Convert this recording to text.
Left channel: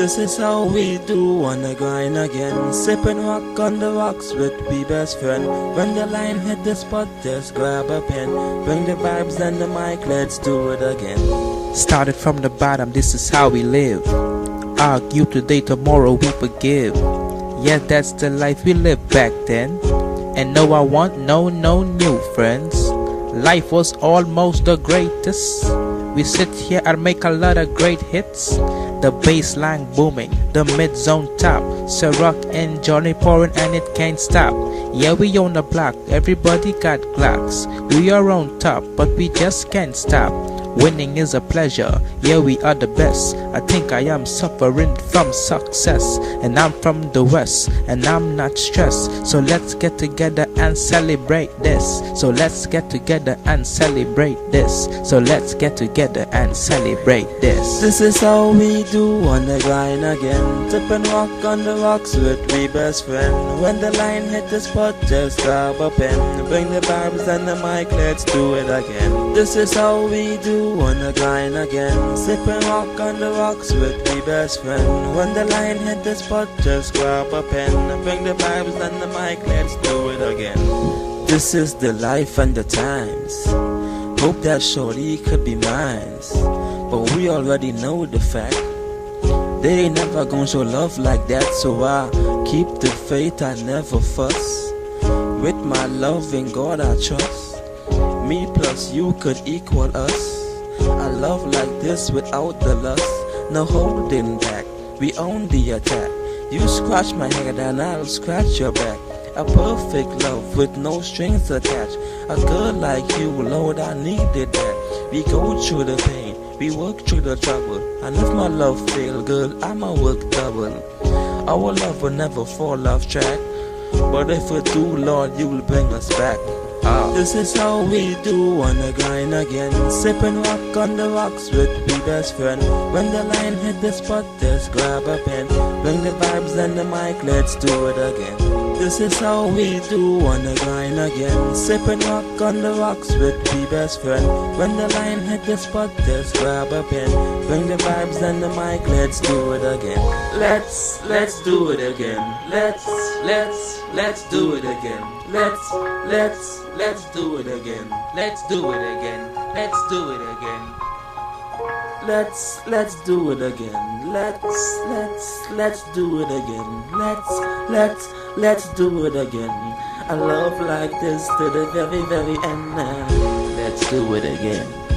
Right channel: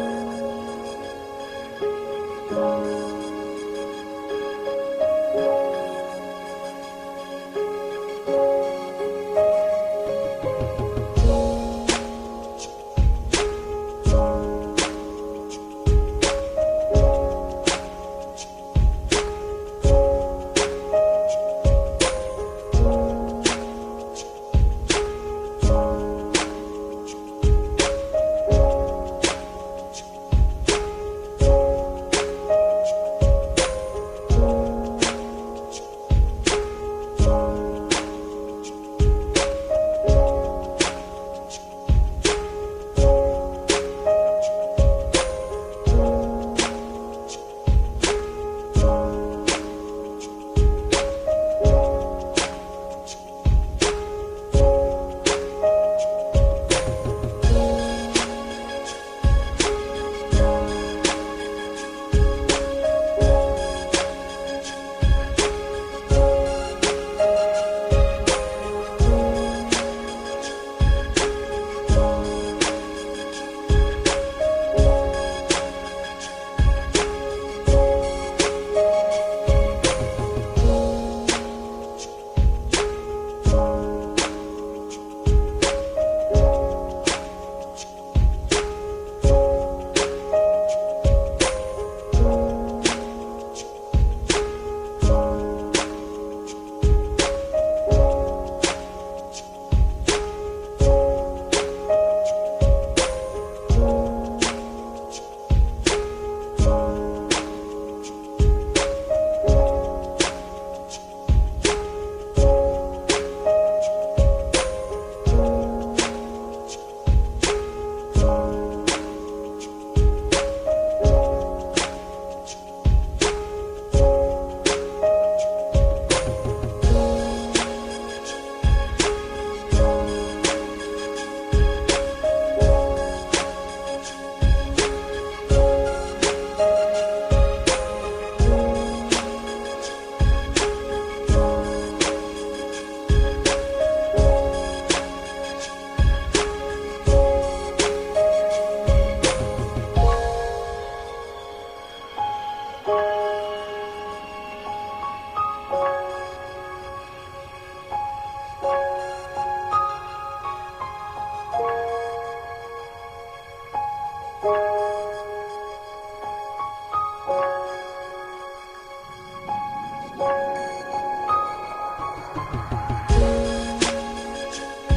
This is how we do on the grind again. Sipping rock on the rocks with me best friend. When the line hit the spot, just grab a pen. Bring the vibes and the mic, let's do it again. Started from the bottom, this is how we live. Argue today, tomorrow we forgive. Yeah, that's the life we lived back then. And no, I want no new friends. Life was almost the greatest. We sit here and make a lot of great hits. The bass line booming, the mid-zone top. Ciroc and Johnny pouring and it can't stop. Yeah, we on the block, everybody got Glocks. We are on top, but we just can't stop. Winning is a pleasure, yeah, we are the best. I think I am suffering from success. And I'm from the west, and I'm not stressed. So let's get together and celebrate this. So let's get together and celebrate this. So let's get together and celebrate this. This is how we do on the grind again. Tipping rock on the rocks with me best friend. When the line hit the spot, just grab a pen. Bring the vibes and the mic, let's do it again. This is how we do on the grind again. Sipping rock on the rocks with me best friend. When the line hit the spot, just grab a pen. Bring the vibes and the mic, let's do it again. This is the life and the times. Hope that shorty could be mine. But we already know the fact. They ain't never gonna show love like that. So I keep the faith, I never fuss. With my love in God I trust. Me plus you could equal us. A love like this without the lust. No holding back, we own the attack. You scratch my head and I'll scratch your back. A perfect love with no strings attached. A girl like you, Lord, I needed that. We go through the pain, we work through the trouble. And if my love fail, girl, I'ma work double. Our love will never fall off track. But if we do, Lord, you will bring us back. This is how we do on the grind again. Sipping rock on the rocks with me best friend. When the line hit the spot, just grab a pen. Bring the vibes and the mic, let's do it again. This is how we do on the grind again. Sipping rock on the rocks with me best friend. When the line hit the spot, just grab a pen. Bring the vibes and the mic, let's do it again. Let's do it again. Let's do it again. Let's do it again. Let's do it again. Let's do it again. Let's do it again. Let's do it again. Let's do it again. A love like this to the very end. Let's do it again.